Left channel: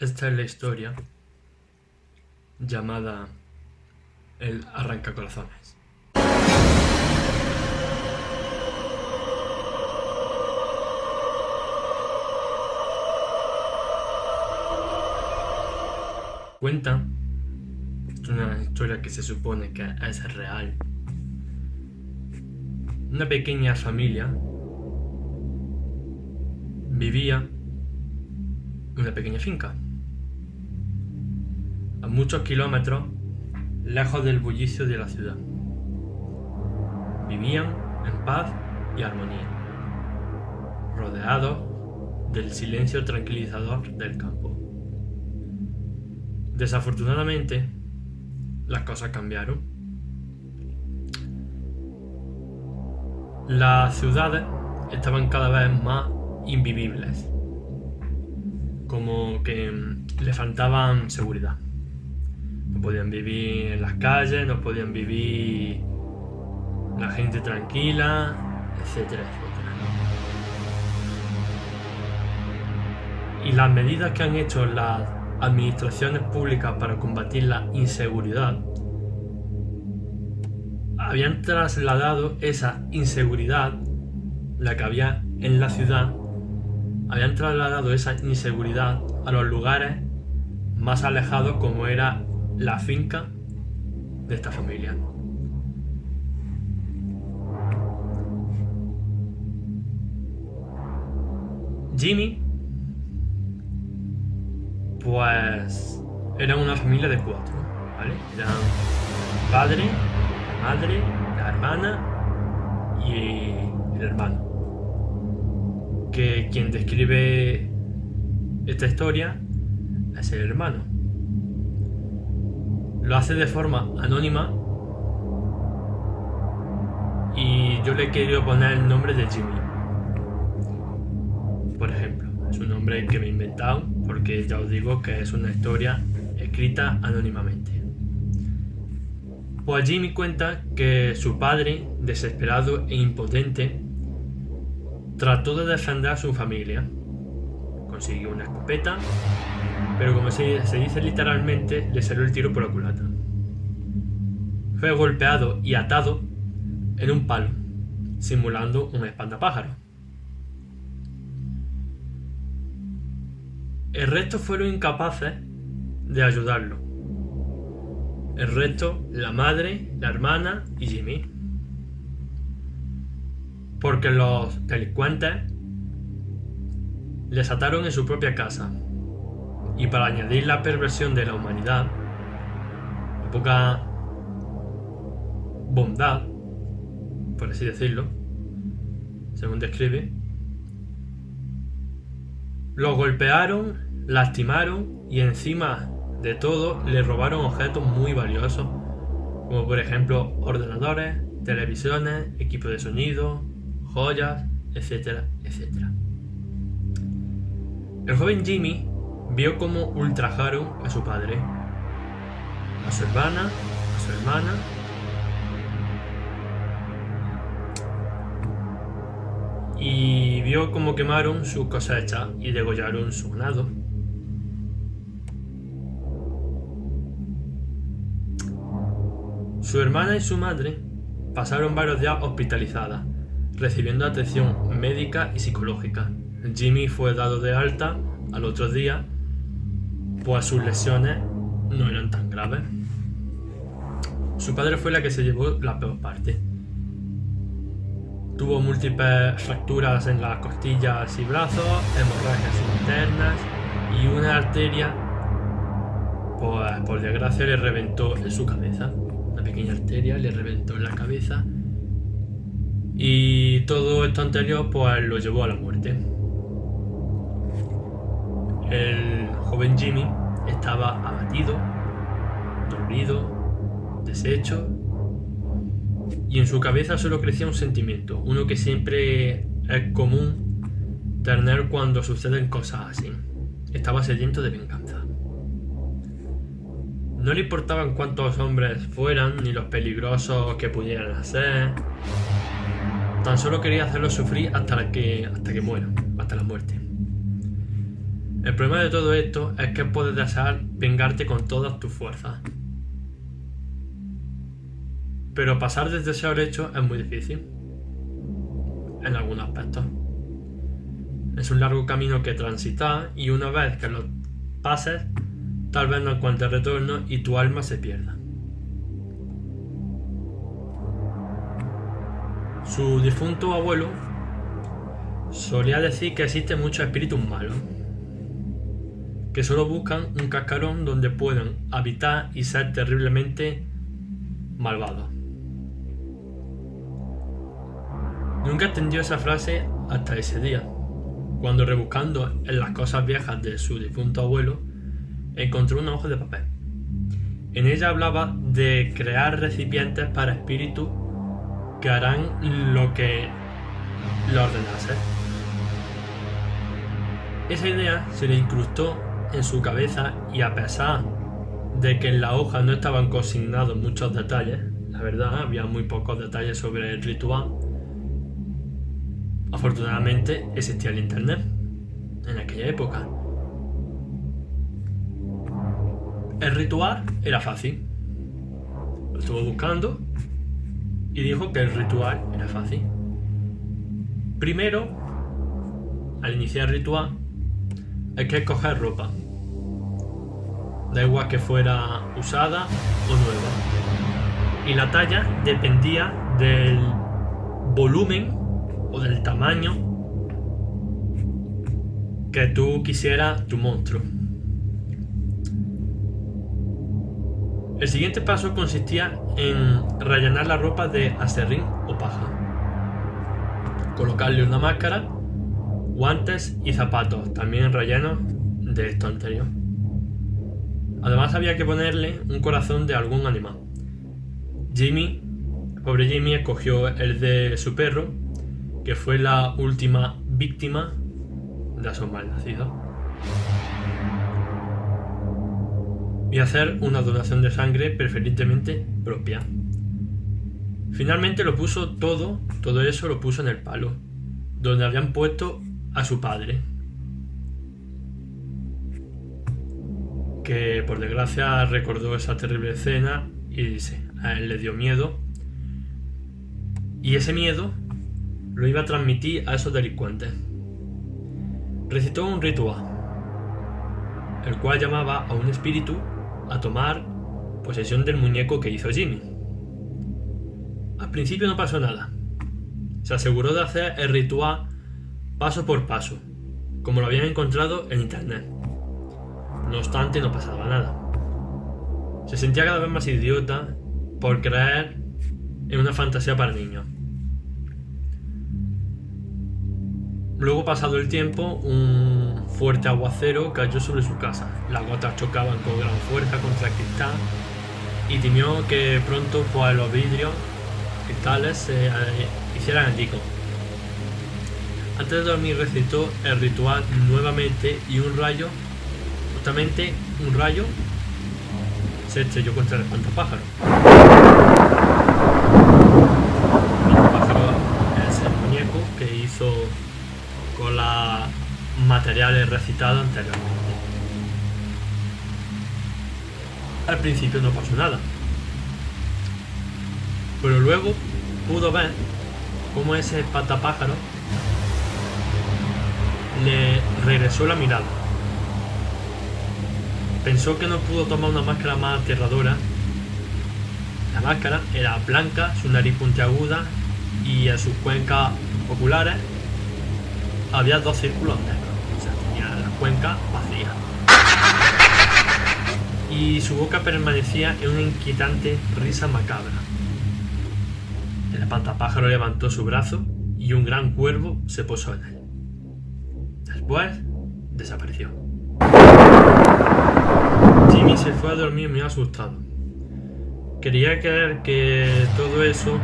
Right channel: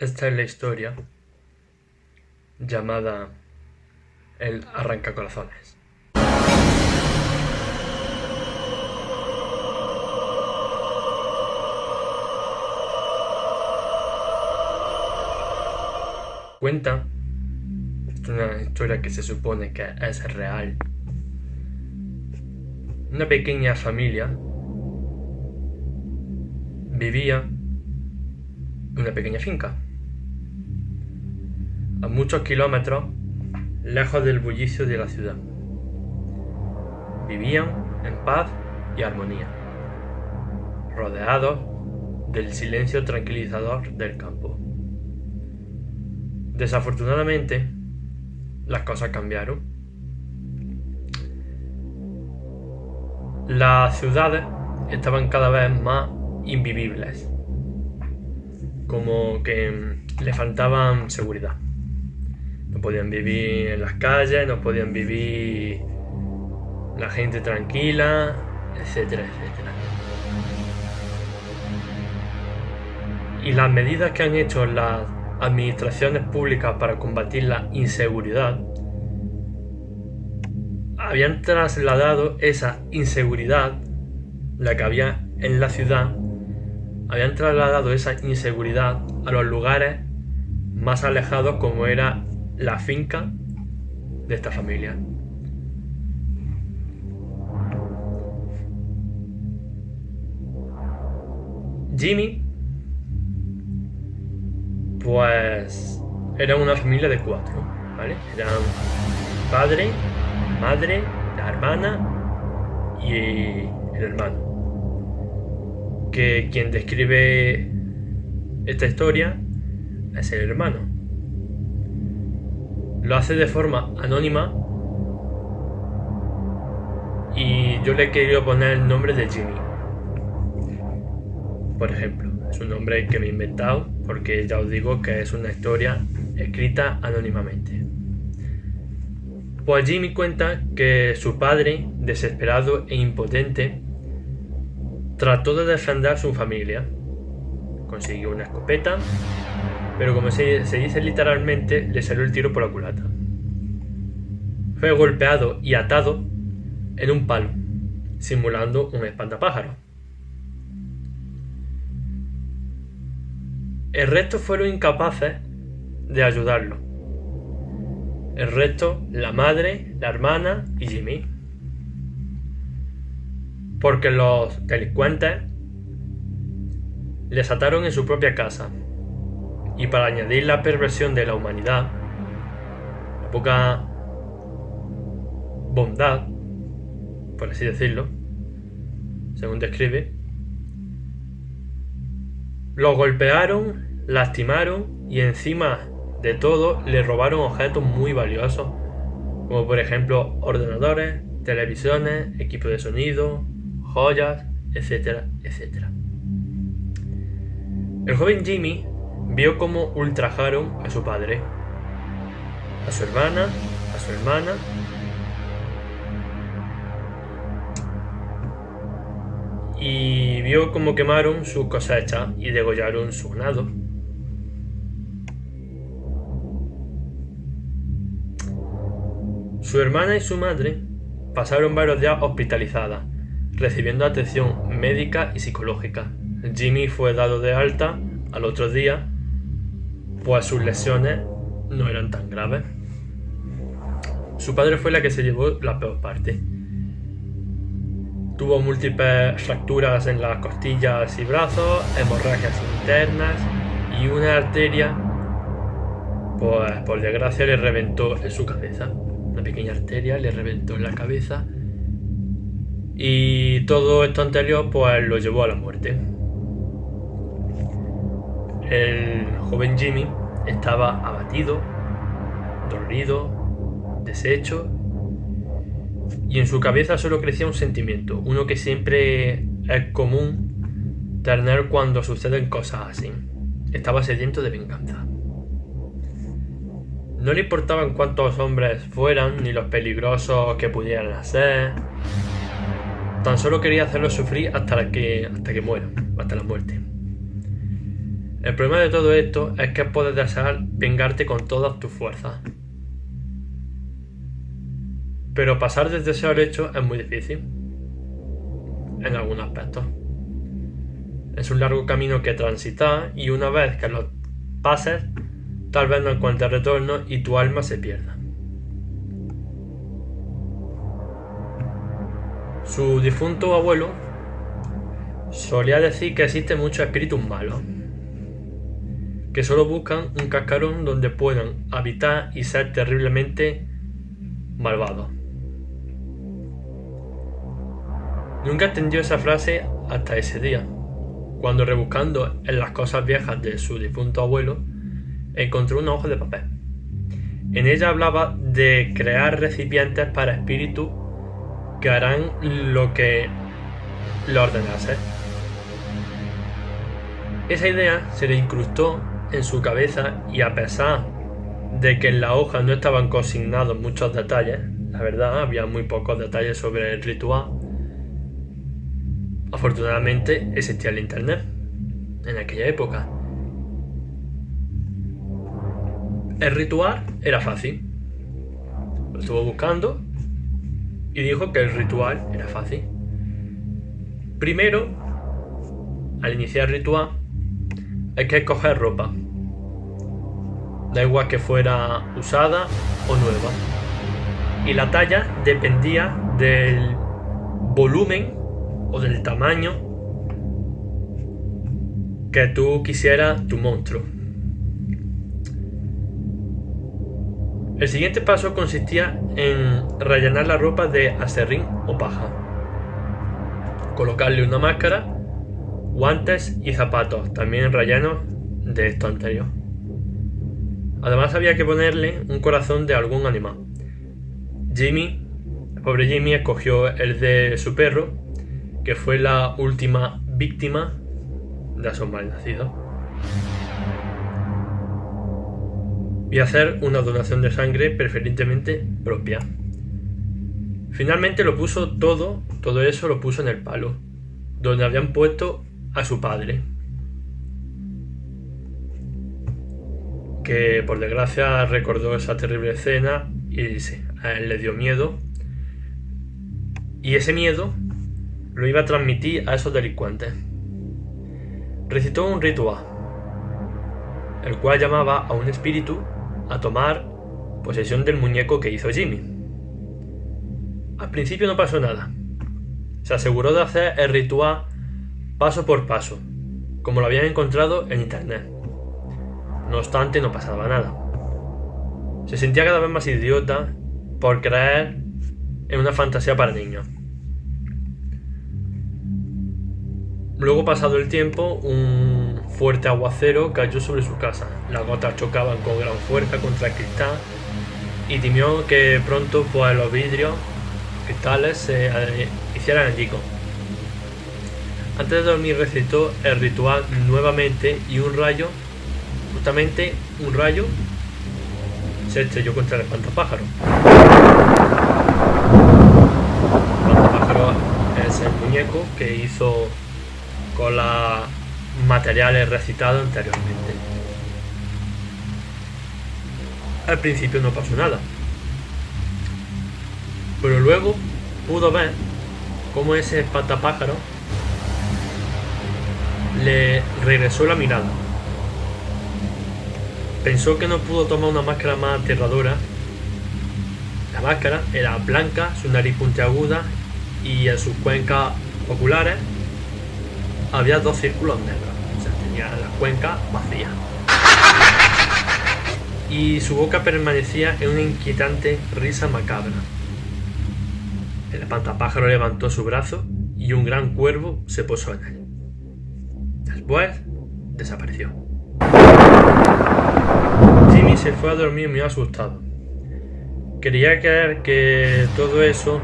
Esta es la historia llamada El Arrancacorazones. Cuenta, es una historia que se supone que es real. Una pequeña familia vivía en una pequeña finca, a muchos kilómetros lejos del bullicio de la ciudad. Vivían en paz y armonía, rodeados del silencio tranquilizador del campo. Desafortunadamente, las cosas cambiaron. Las ciudades estaban cada vez más invivibles, como que le faltaban seguridad. No podían vivir en las calles, no podían vivir la gente tranquila, etcétera, etcétera. Y las medidas que han hecho las administraciones públicas para combatir la inseguridad habían trasladado esa inseguridad, la que había en la ciudad, habían trasladado esa inseguridad a los lugares más alejados, como era la finca de esta familia. Jimmy, pues, era una familia de 4, ¿vale? Eran padre, madre, la hermana y el hermano. Que quien describe esta historia es el hermano. Lo hace de forma anónima y yo le he querido poner el nombre de Jimmy. Por ejemplo, es un nombre que me he inventado porque ya os digo que es una historia escrita anónimamente. Pues Jimmy cuenta que su padre, desesperado e impotente, trató de defender a su familia. Consiguió una escopeta, pero como se dice literalmente, le salió el tiro por la culata. Fue golpeado y atado en un palo, simulando un espantapájaros. El resto fueron incapaces de ayudarlo. El resto, la madre, la hermana y Jimmy. Porque los delincuentes les ataron en su propia casa. Y para añadir la perversión de la humanidad, la poca bondad, por así decirlo, según describe, lo golpearon, lastimaron y encima de todo le robaron objetos muy valiosos, como por ejemplo ordenadores, televisiones, equipos de sonido, joyas, etcétera, etcétera. El joven Jimmy vio cómo ultrajaron a su padre, a su hermana, a su hermana y vio cómo quemaron sus cosechas y degollaron su ganado. Su hermana y su madre pasaron varios días hospitalizadas, recibiendo atención médica y psicológica. Jimmy fue dado de alta al otro día, pues sus lesiones no eran tan graves. Su padre fue la que se llevó la peor parte. Tuvo múltiples fracturas en las costillas y brazos, hemorragias internas y una arteria, pues por desgracia le reventó en su cabeza. Una pequeña arteria le reventó en la cabeza y todo esto anterior pues lo llevó a la muerte. El joven Jimmy estaba abatido, dolorido, deshecho, y en su cabeza solo crecía un sentimiento, uno que siempre es común tener cuando suceden cosas así. Estaba sediento de venganza. No le importaban cuántos hombres fueran, ni los peligrosos que pudieran ser. Tan solo quería hacerlos sufrir hasta que mueran, hasta la muerte. El problema de todo esto es que puedes desear vengarte con todas tus fuerzas. Pero pasar del deseo al hecho es muy difícil. En algunos aspectos. Es un largo camino que transitar y una vez que lo pases, tal vez no encuentres retorno y tu alma se pierda. Su difunto abuelo solía decir que existen muchos espíritus malos, que solo buscan un cascarón donde puedan habitar y ser terriblemente malvados. Nunca entendió esa frase hasta ese día, cuando rebuscando en las cosas viejas de su difunto abuelo, encontró una hoja de papel. En ella hablaba de crear recipientes para espíritus que harán lo que le ordenase. Esa idea se le incrustó en su cabeza y a pesar de que en la hoja no estaban consignados muchos detalles, la verdad había muy pocos detalles sobre el ritual, afortunadamente existía el internet en aquella época. El ritual era fácil. Lo estuvo buscando y dijo que el ritual era fácil. Primero, al iniciar el ritual, hay que escoger ropa. Da igual que fuera usada o nueva. Y la talla dependía del volumen o del tamaño que tú quisieras tu monstruo. El siguiente paso consistía en rellenar la ropa de aserrín o paja, colocarle una máscara, guantes y zapatos, también rellenos de esto anterior. Además había que ponerle un corazón de algún animal. El pobre Jimmy escogió el de su perro, que fue la última víctima de esos malnacidos. Y hacer una donación de sangre preferentemente propia. Finalmente lo puso todo eso lo puso en el palo, donde habían puesto a su padre, que por desgracia recordó esa terrible escena y a él le dio miedo, y ese miedo lo iba a transmitir a esos delincuentes. Recitó un ritual, el cual llamaba a un espíritu a tomar posesión del muñeco que hizo Jimmy. Al principio no pasó nada. Se aseguró de hacer el ritual paso por paso, como lo habían encontrado en internet. No obstante, no pasaba nada. Se sentía cada vez más idiota por creer en una fantasía para niños. Luego, pasado el tiempo, un fuerte aguacero cayó sobre su casa. Las gotas chocaban con gran fuerza contra el cristal y temió que pronto pues, los vidrios cristales se hicieran añicos. Antes de dormir recitó el ritual nuevamente y un rayo, se estrelló contra el espantapájaro. El espantapájaro es el muñeco que hizo con los materiales recitados anteriormente. Al principio no pasó nada, pero luego pudo ver cómo ese espantapájaro le regresó la mirada. Pensó que no pudo tomar una máscara más aterradora. La máscara era blanca, su nariz puntiaguda y en sus cuencas oculares había dos círculos negros. O sea, tenía la cuenca vacía. Y su boca permanecía en una inquietante risa macabra. El espantapájaro levantó su brazo y un gran cuervo se posó en él. Después desapareció. Jimmy se fue a dormir muy asustado. Quería creer que todo eso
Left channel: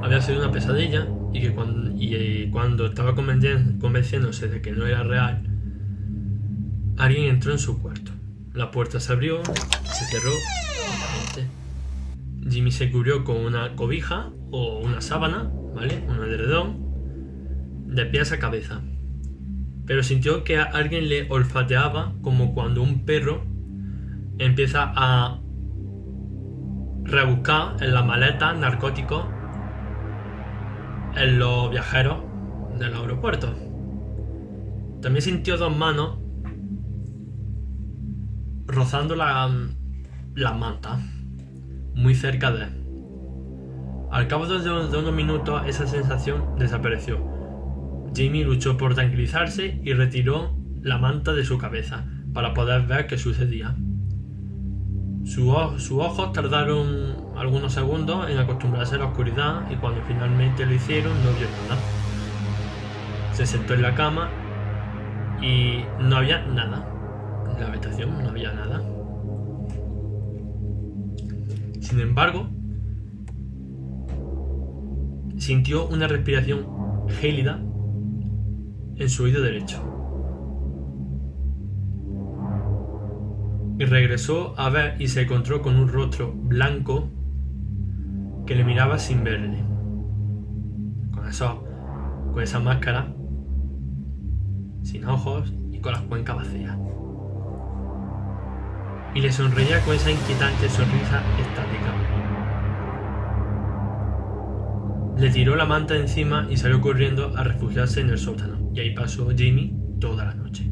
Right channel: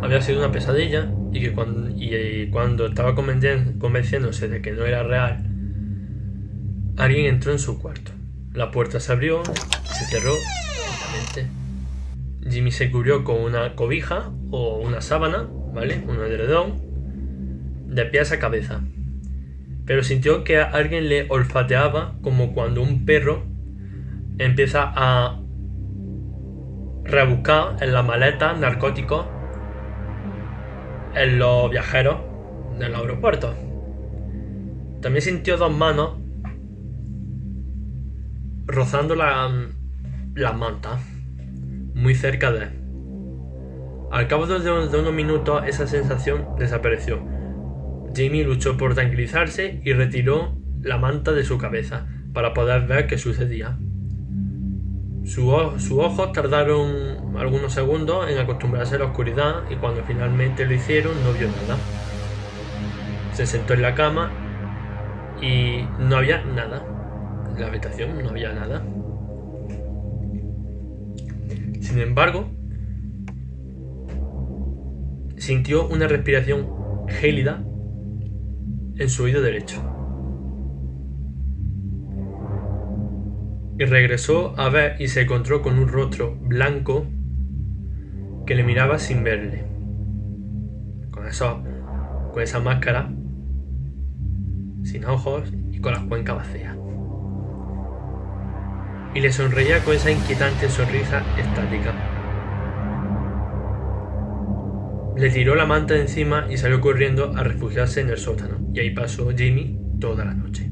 había sido una pesadilla y que cuando estaba convenciéndose de que no era real, alguien entró en su cuarto. La puerta se abrió y se cerró lentamente. Jimmy se cubrió con una cobija o una sábana, ¿vale? Un edredón, de pies a cabeza. pero sintió que alguien le olfateaba como cuando un perro empieza a rebuscar en las maletas narcóticos en los viajeros del aeropuerto. También sintió dos manos rozando las mantas, muy cerca de él. Al cabo de unos minutos esa sensación desapareció. Jimmy luchó por tranquilizarse y retiró la manta de su cabeza para poder ver qué sucedía. Sus ojos tardaron algunos segundos en acostumbrarse a la oscuridad y cuando finalmente lo hicieron no vio nada. Se sentó en la cama y no había nada. En la habitación no había nada. Sin embargo, sintió una respiración gélida en su oído derecho. Y regresó a ver y se encontró con un rostro blanco que le miraba sin verle. Con esa máscara, sin ojos y con las cuencas vacías. Y le sonreía con esa inquietante sonrisa estática. Le tiró la manta de encima y salió corriendo a refugiarse en el sótano, y ahí pasó Jimmy toda la noche.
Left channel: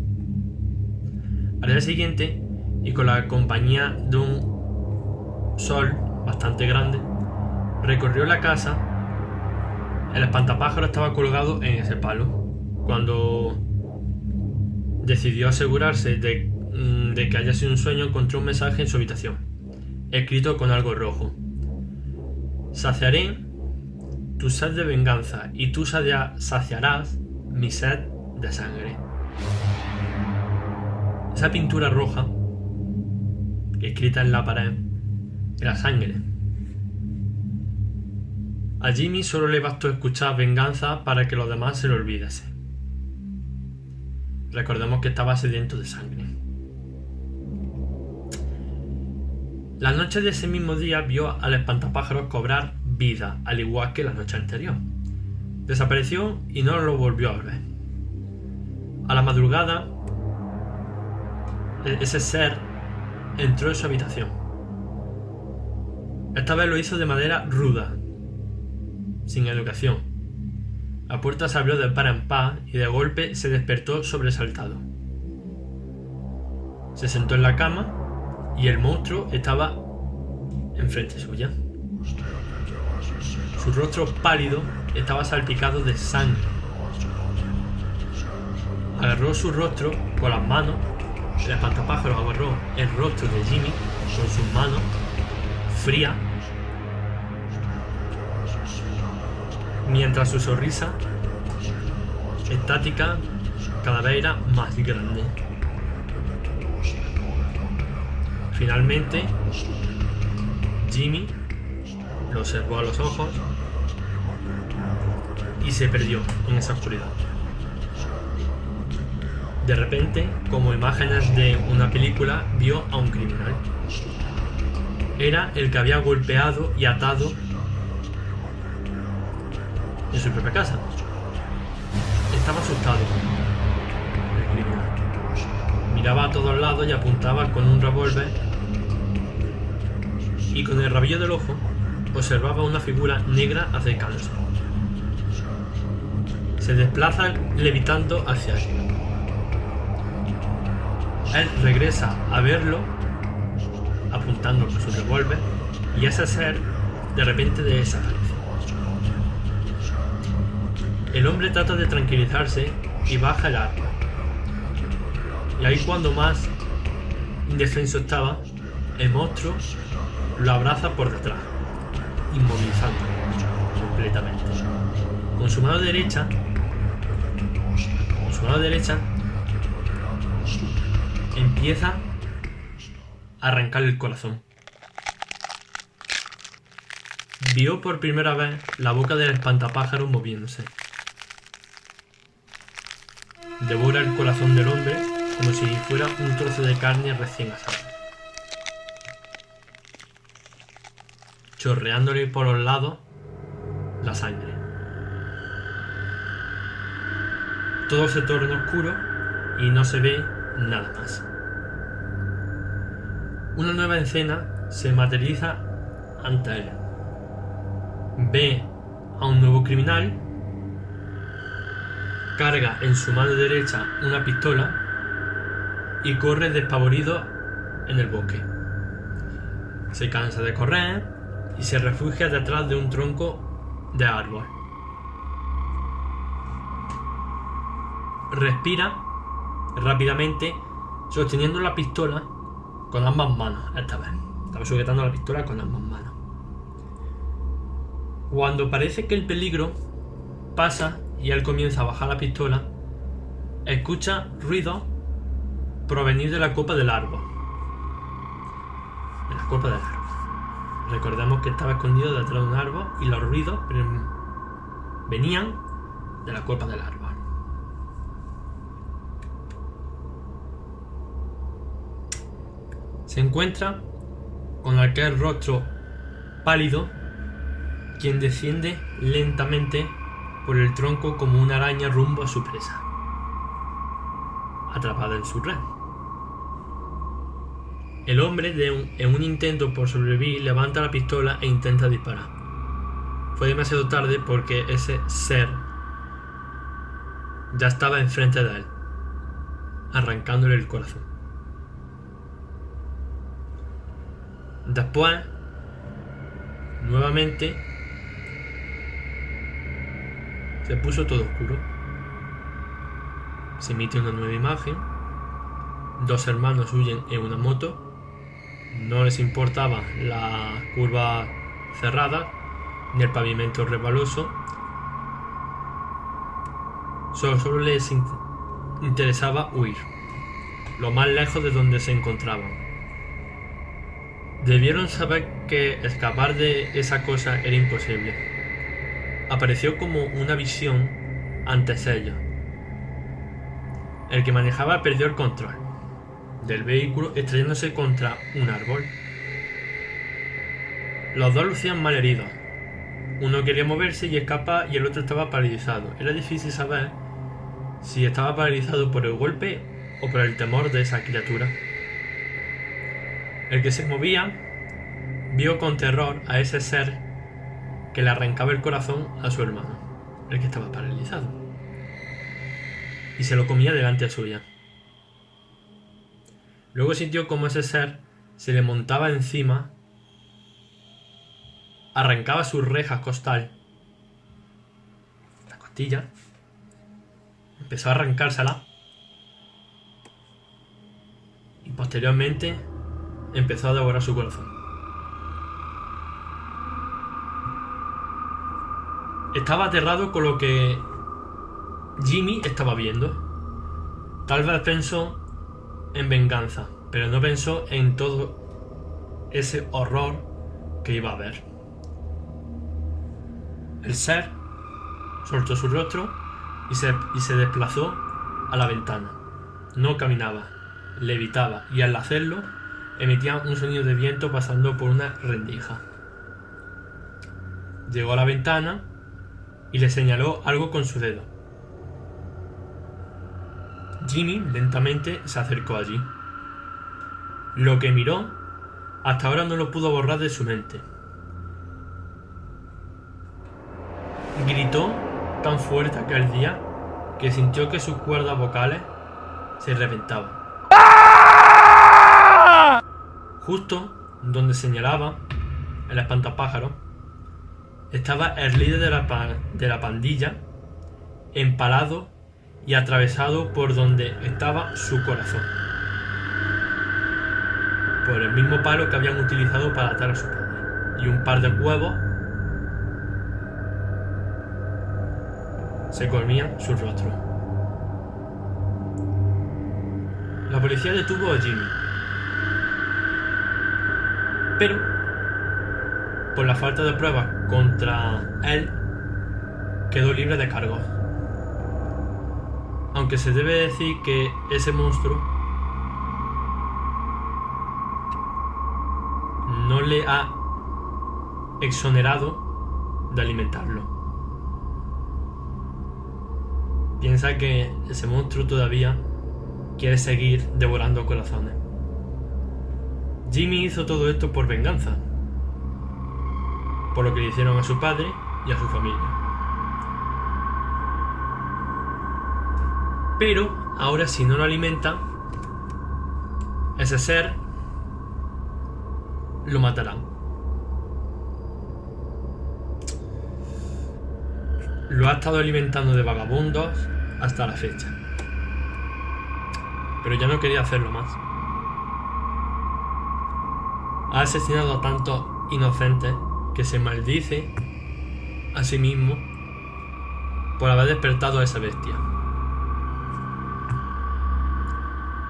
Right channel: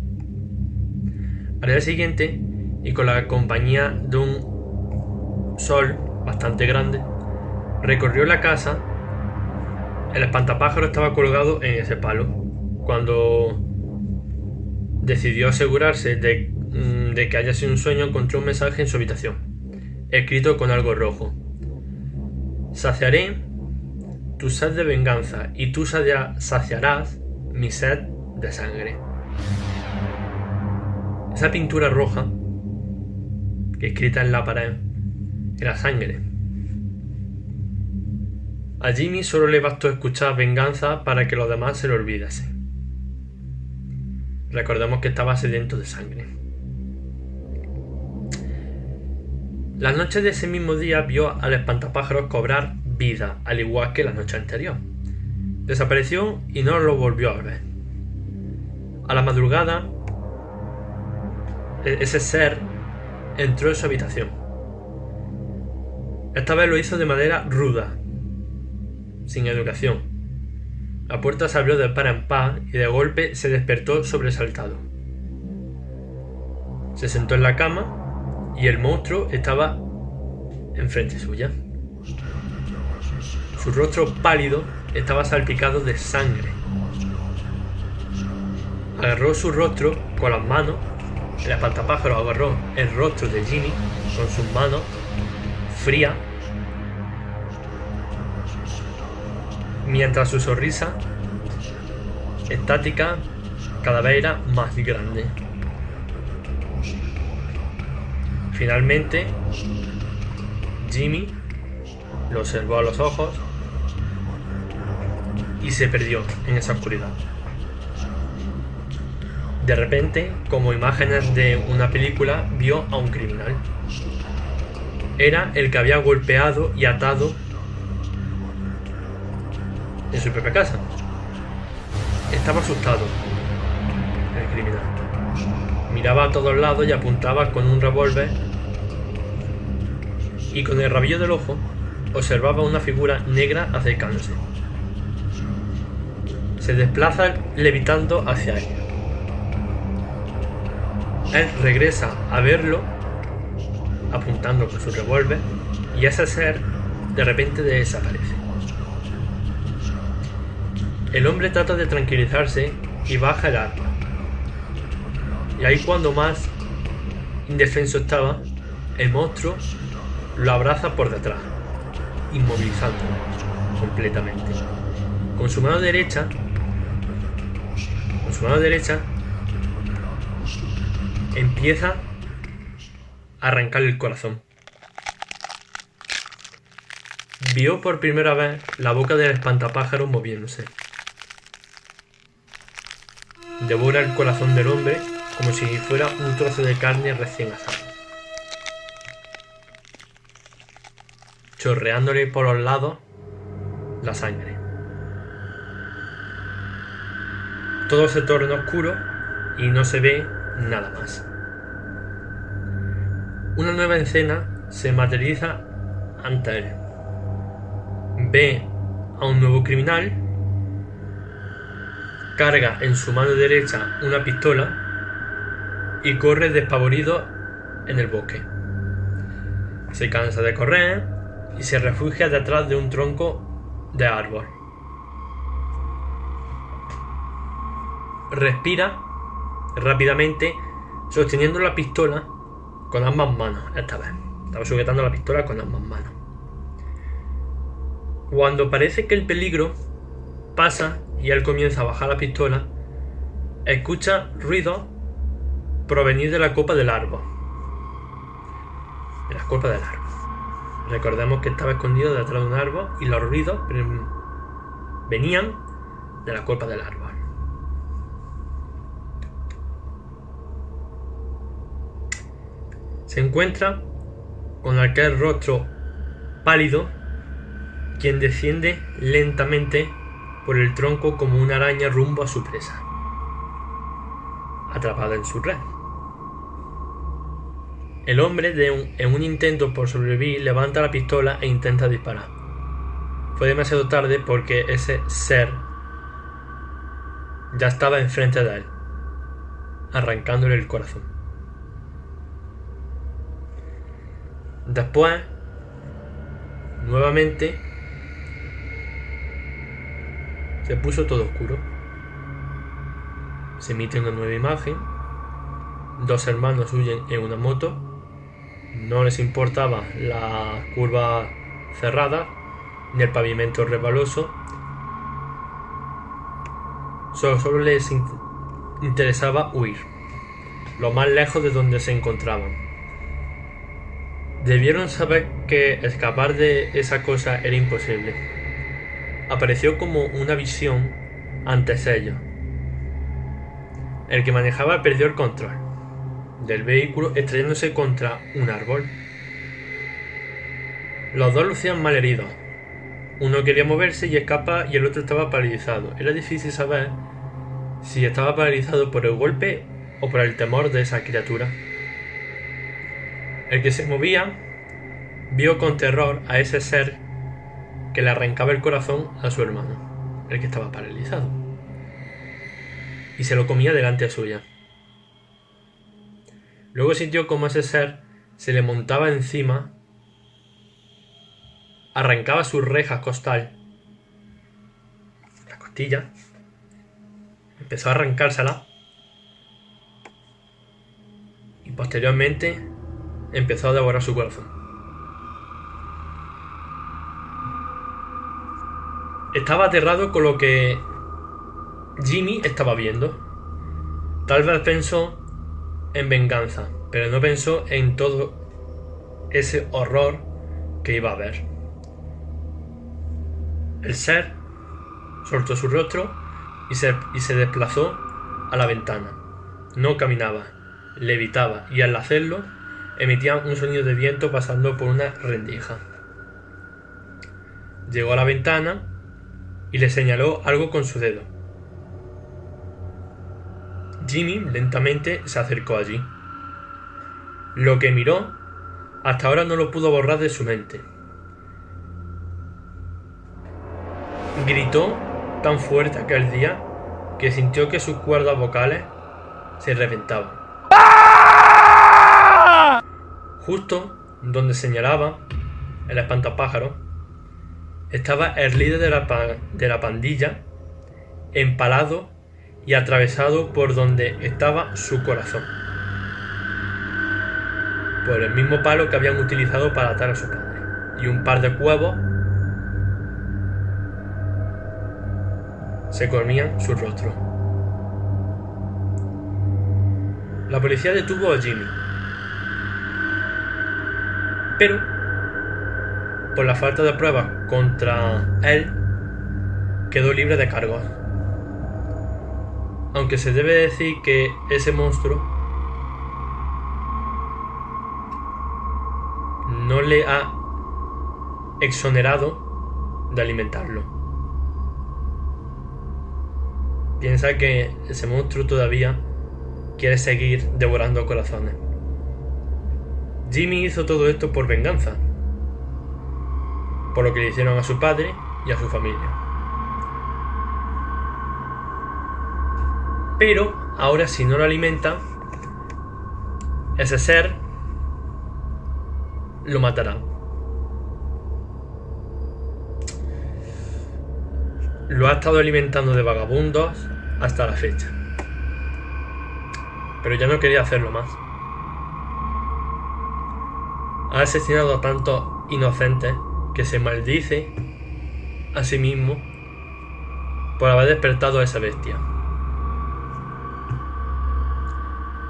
Al día siguiente, y con la compañía de un sol bastante grande, recorrió la casa. El espantapájaro estaba colgado en ese palo. Cuando decidió asegurarse de que haya sido un sueño, encontró un mensaje en su habitación, escrito con algo rojo: saciaré tu sed de venganza y tú saciarás mi sed de sangre. Esa pintura roja escrita en la pared era sangre. A Jimmy solo le bastó escuchar venganza para que los demás se lo olvidase. Recordemos que estaba sediento de sangre. La noche de ese mismo día vio al espantapájaros cobrar vida, al igual que la noche anterior. Desapareció y no lo volvió a ver. A la madrugada, ese ser entró en su habitación. Esta vez lo hizo de manera ruda, sin educación. La puerta se abrió de par en par y de golpe se despertó sobresaltado. Se sentó en la cama y el monstruo estaba enfrente suya. Su rostro pálido estaba salpicado de sangre. Agarró su rostro con las manos. El espantapájaro agarró el rostro de Jimmy con sus manos frías, mientras su sonrisa estática cada vez era más grande. Finalmente, Jimmy lo observó a los ojos y se perdió en esa oscuridad. De repente, como imágenes de una película, vio a un criminal. Era el que había golpeado y atado en su propia casa. Estaba asustado el criminal. Miraba a todos lados y apuntaba con un revólver, y con el rabillo del ojo observaba una figura negra acercándose. Se desplaza levitando hacia él. Él regresa a verlo, apuntando con su revólver, y ese ser de repente desaparece. El hombre trata de tranquilizarse y baja el arma. Y ahí, cuando más indefenso estaba, el monstruo lo abraza por detrás, inmovilizándolo completamente. Con su mano derecha empieza a arrancarle el corazón. Vio por primera vez la boca del espantapájaro moviéndose. Devora el corazón del hombre como si fuera un trozo de carne recién asado, chorreándole por los lados la sangre. todo se torna oscuro y no se ve nada más. Una nueva escena se materializa ante él. Ve a un nuevo criminal, carga en su mano derecha una pistola y corre despavorido en el bosque. Se cansa de correr y se refugia detrás de un tronco de árbol. Respira rápidamente, sosteniendo la pistola con ambas manos. Esta vez estaba sujetando la pistola con ambas manos. Cuando parece que el peligro pasa y él comienza a bajar la pistola, escucha ruidos provenir de la copa del árbol. De la copa del árbol. Recordemos que estaba escondido detrás de un árbol y los ruidos venían de la copa del árbol. Se encuentra con aquel rostro pálido, quien desciende lentamente por el tronco como una araña rumbo a su presa, atrapada en su red. El hombre, en un intento por sobrevivir, levanta la pistola e intenta disparar. Fue demasiado tarde porque ese ser ya estaba enfrente de él, arrancándole el corazón. Después, nuevamente, se puso todo oscuro. Se emite una nueva imagen. Dos hermanos huyen en una moto. No les importaba la curva cerrada ni el pavimento resbaloso. Solo les interesaba huir, lo más lejos de donde se encontraban. Debieron saber que escapar de esa cosa era imposible. Apareció como una visión ante ellos. El que manejaba perdió el control del vehículo, estrellándose contra un árbol. Los dos lucían mal heridos. Uno quería moverse y escapar y el otro estaba paralizado. Era difícil saber si estaba paralizado por el golpe o por el temor de esa criatura. El que se movía vio con terror a ese ser que le arrancaba el corazón a su hermano, el que estaba paralizado, y se lo comía delante suya. Luego sintió como ese ser se le montaba encima, arrancaba sus rejas costal, la costilla, empezó a arrancársela y posteriormente empezó a devorar su corazón. Estaba aterrado con lo que Jimmy estaba viendo. Tal vez pensó en venganza, pero no pensó en todo ese horror que iba a ver. El ser soltó su rostro y se desplazó a la ventana. No caminaba, levitaba, y al hacerlo emitía un sonido de viento pasando por una rendija. Llegó a la ventana y le señaló algo con su dedo. Jimmy lentamente se acercó allí. Lo que miró hasta ahora no lo pudo borrar de su mente. Gritó tan fuerte aquel día que sintió que sus cuerdas vocales se reventaban. Justo donde señalaba el espantapájaro estaba el líder de la pandilla, empalado y atravesado por donde estaba su corazón, por el mismo palo que habían utilizado para atar a su padre, y un par de cuervos se comían su rostro. La policía detuvo a Jimmy, pero por la falta de pruebas contra él quedó libre de cargos. Aunque se debe decir que ese monstruo no le ha exonerado de alimentarlo. piensa que ese monstruo todavía quiere seguir devorando corazones. Jimmy hizo todo esto por venganza, por lo que le hicieron a su padre y a su familia. Pero ahora, si no lo alimenta, ese ser lo matará. Lo ha estado alimentando de vagabundos hasta la fecha, pero ya no quería hacerlo más. Ha asesinado a tantos inocentes que se maldice a sí mismo por haber despertado a esa bestia.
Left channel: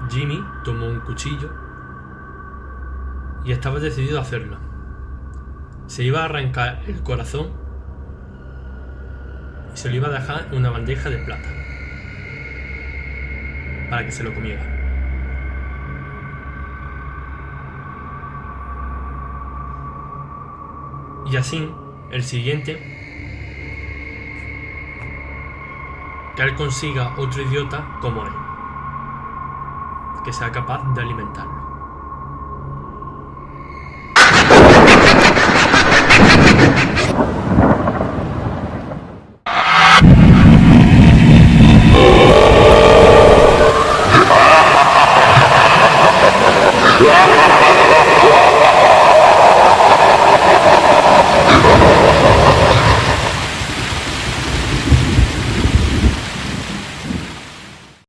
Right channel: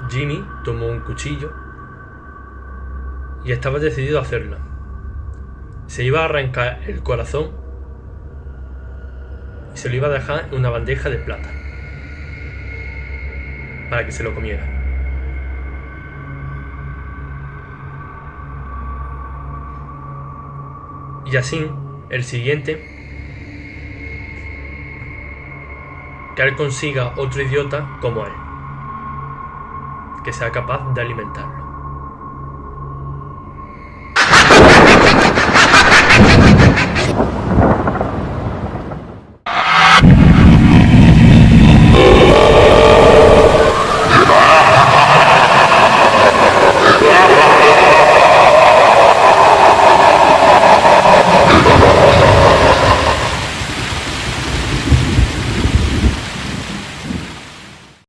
Jimmy tomó un cuchillo y estaba decidido a hacerlo. Se iba a arrancar el corazón y se lo iba a dejar en una bandeja de plata para que se lo comiera. Y así, el siguiente, que él consiga otro idiota como él, que sea capaz de alimentarlo.